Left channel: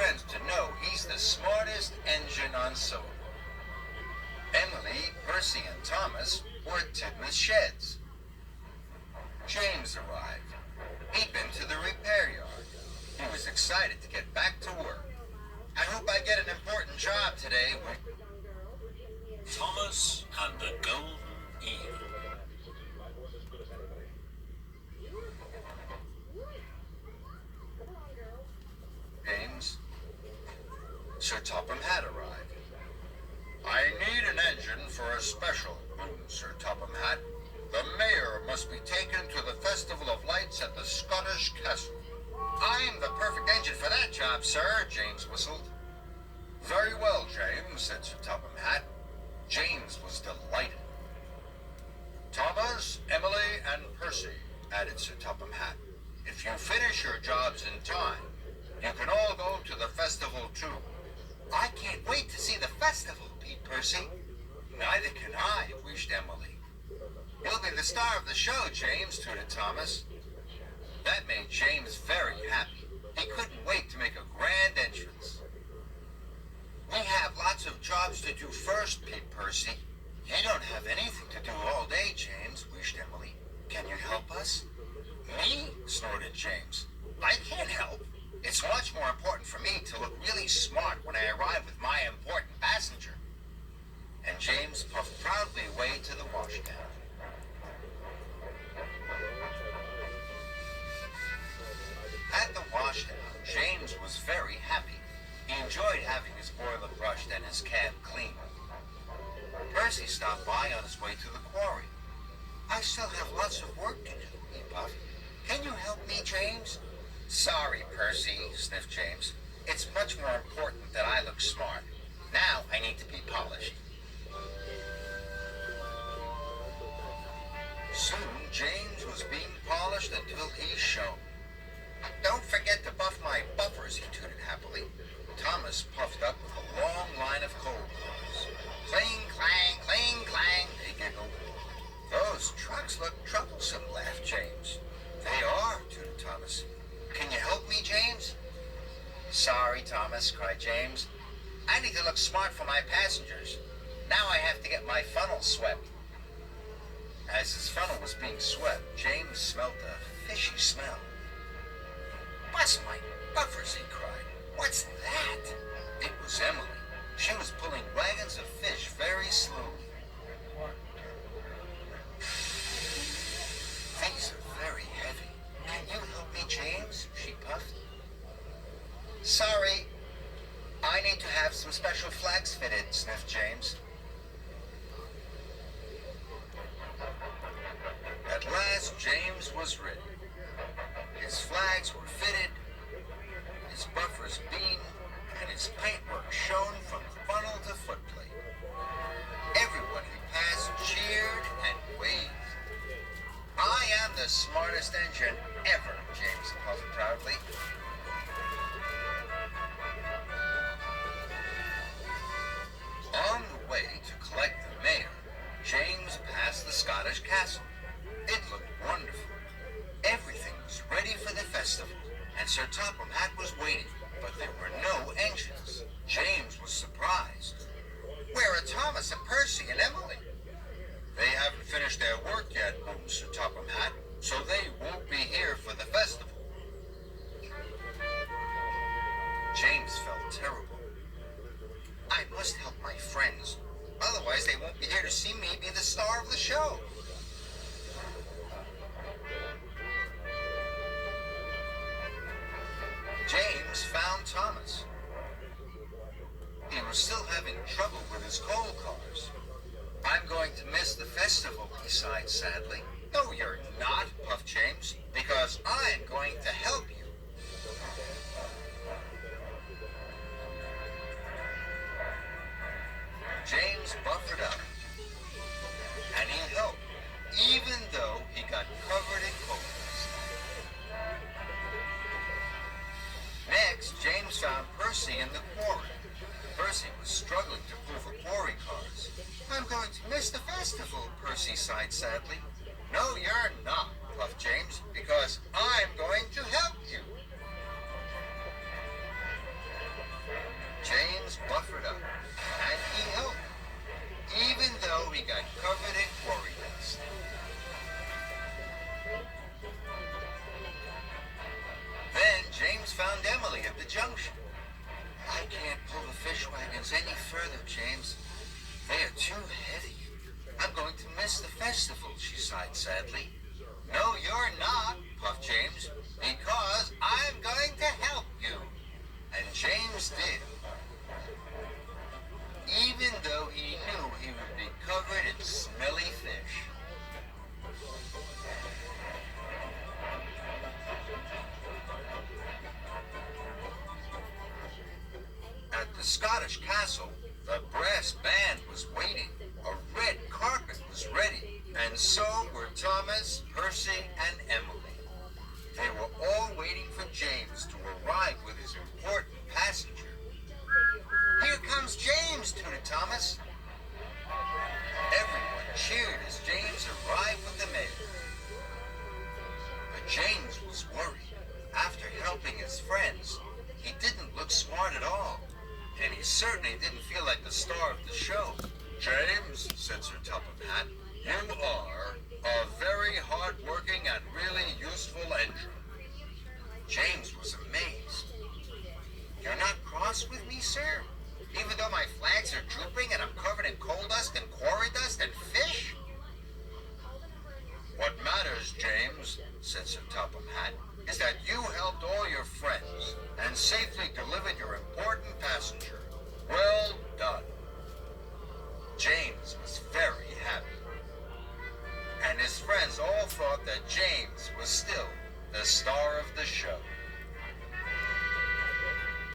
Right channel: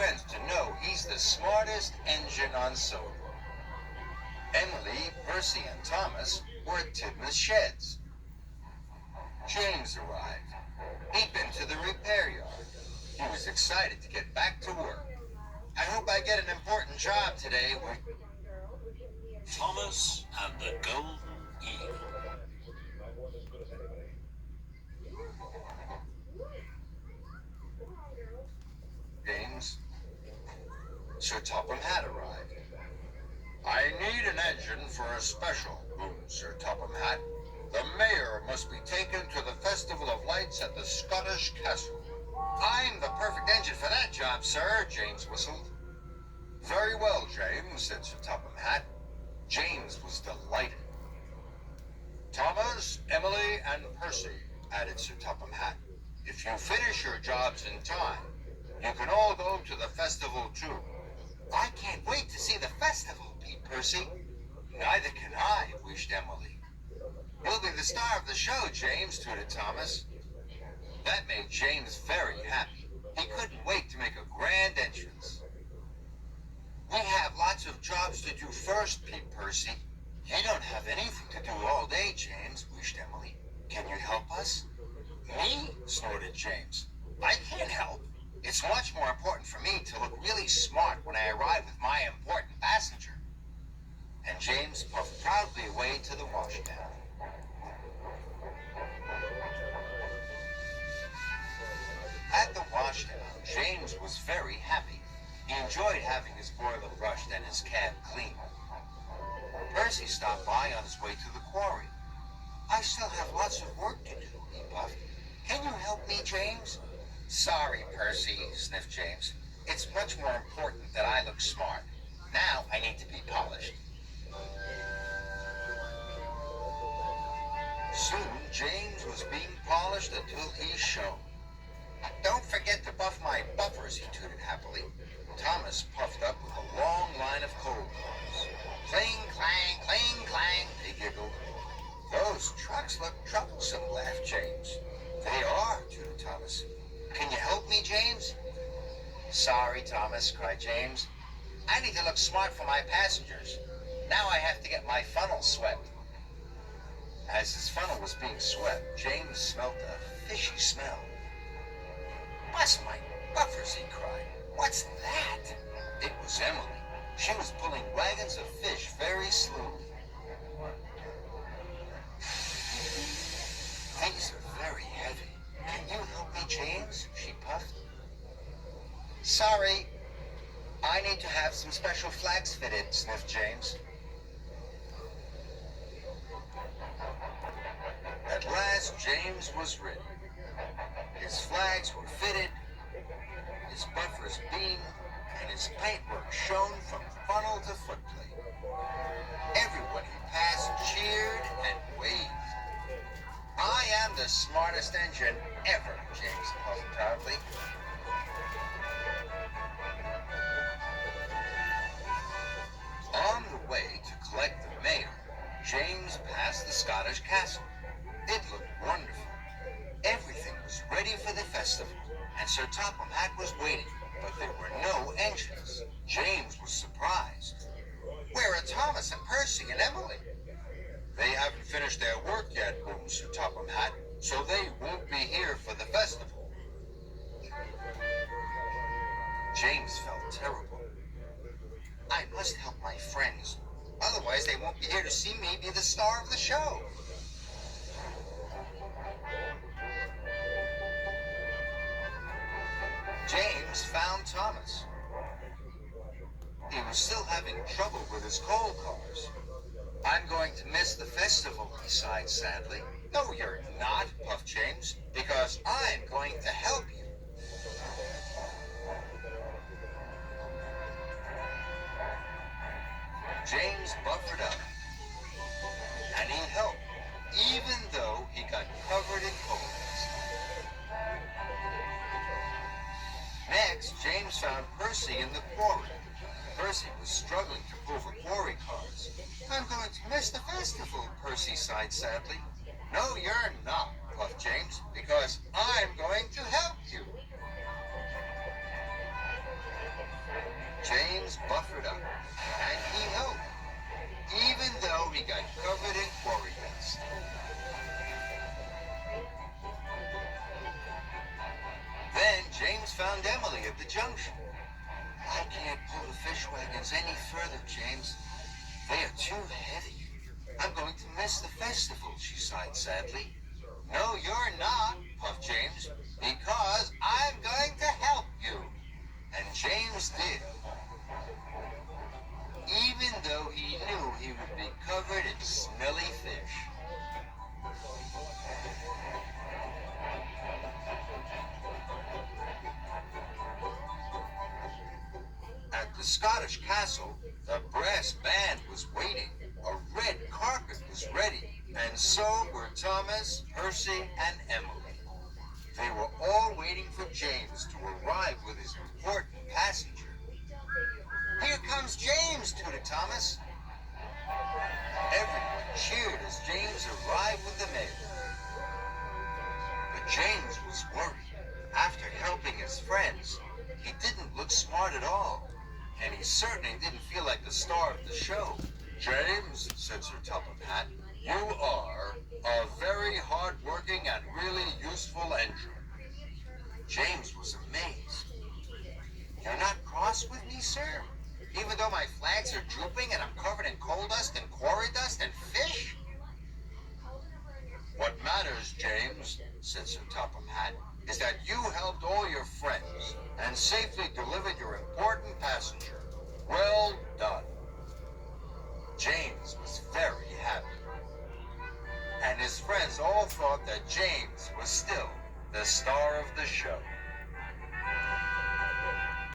friends to know he's the smartest engine on solar. Emily, Percy, and Thomas were at Tidmouth Sheds. James arrived. He'd been to the repair yard. He was excited to get back to work. I hope I get an important job today with Thomas and the Golden Eel. James. Sir Topham had arrived. I need an engine for a special, boomed Sir Topham Hatt. The mayor must be taken to the Festival of Lights at the Scottish Castle. I'm the perfect engine for that job, sir, James whistled. Very well, James, said Sir Topham Hatt. James was delighted. Thomas, Emily, and Percy, added Sir Topham Hatt. If you finish your jobs in time, you can all go to the festival too. I can't wait to see the festival, Pete Percy. Neither can I, wished Emily. You'll be the star of the show, James, tooted Thomas. That made James very happy. He couldn't wait to make a grand entrance. We have lots of jobs to do first, Pete Percy. You don't have anything to do all day, James, wished Emily. Can you help us? Me? Snorted James. I can't help. It's much more important for me to look really smart when I arrive with my important passenger. And James puffed proudly away to the washdown. At the washdown, James was very happy. He enjoyed having his boiler brushed and his cab cleaned. Percy stopped by on his way to the quarry. I still have lots of work to do, he puffed. Can you help me, James? Sorry, Percy, sniffed James. It's much more important that I look smart. Now I need to be polished. Soon, James was being polished until he shone. Don't forget to buff my buffers, he tooted happily. Thomas puffed up with a long line of coal cars. Clang, clang, they giggled. Those trucks look troublesome, laughed James. They are, tooted Thomas. Can you help me, James? Sorry, Thomas, cried James. I need to look smart for my passengers. Now I have to get my funnel swept. As his funnel was being swept, James smelt a fishy smell. Bust my buffers, he cried. What's that? It was Emily. She was pulling wagons of fish very slowly. These are very heavy. Can you help me, James? She puffed. Sorry. I need to have some special flags fitted, sniffed James. At last, James was ready. His flags were fitted, his buffers beamed, and his paintwork shone from funnel to footplate. Everyone he passed cheered and waved. I am the smartest engine ever, James puffed proudly. On the way to collect the mayor, James passed the Scottish castle. It looked wonderful. Everything was ready for the festival, and Sir Topham Hatt was waiting, but there were no engines. James was surprised. Where are Thomas and Percy and Emily? They haven't finished their work yet, boomed Sir Topham Hatt, so they won't be here for the festival. James felt terrible. I must help my friends. Otherwise, they won't be here to see me be the star of the show. James found Thomas. He was still having trouble with his coal cars. I'm going to miss the festival, he sighed sadly. No, you're not, puffed James, because I'm going to help you. James buffered up, and he helped, even though he got covered in coal dust. Next, James found Percy in the quarry. Percy was struggling to pull the quarry cars. I'm going to miss the festival, Percy sighed sadly. No, you're not, puffed James, because I'm going to help you. James buffered up, and he helped, even though he got covered in quarry dust. Then James found Emily at the junction. I can't pull the fish wagons any further, James. They are too heavy. I'm going to miss the festival, she sighed sadly. No, you're not, puffed James, because I'm going to help you. And James did. Even though he knew he would be covered in smelly fish. At the Scottish castle, the brass band was waiting. A red carpet was ready, and so were Thomas, Percy, and Emily. They were all waiting for James to arrive with his important passenger. Here comes James, tooted Thomas. Everyone cheered as James arrived with the mail. But James was worried. After helping his friends, he didn't look smart at all. And he certainly didn't feel like the star of the show. James, said Sir Topham Hatt, you are a very hard-working and really useful engine. James was amazed. You're not cross with me, sir? Even though my flags are drooping and I'm covered in coal dust and quarry dust and fish? What matters, James, said Sir Topham Hatt, is that you helped all your friends and safely delivered your important passenger. Well done. James was very happy. And his friends all thought that James was still the star of the show.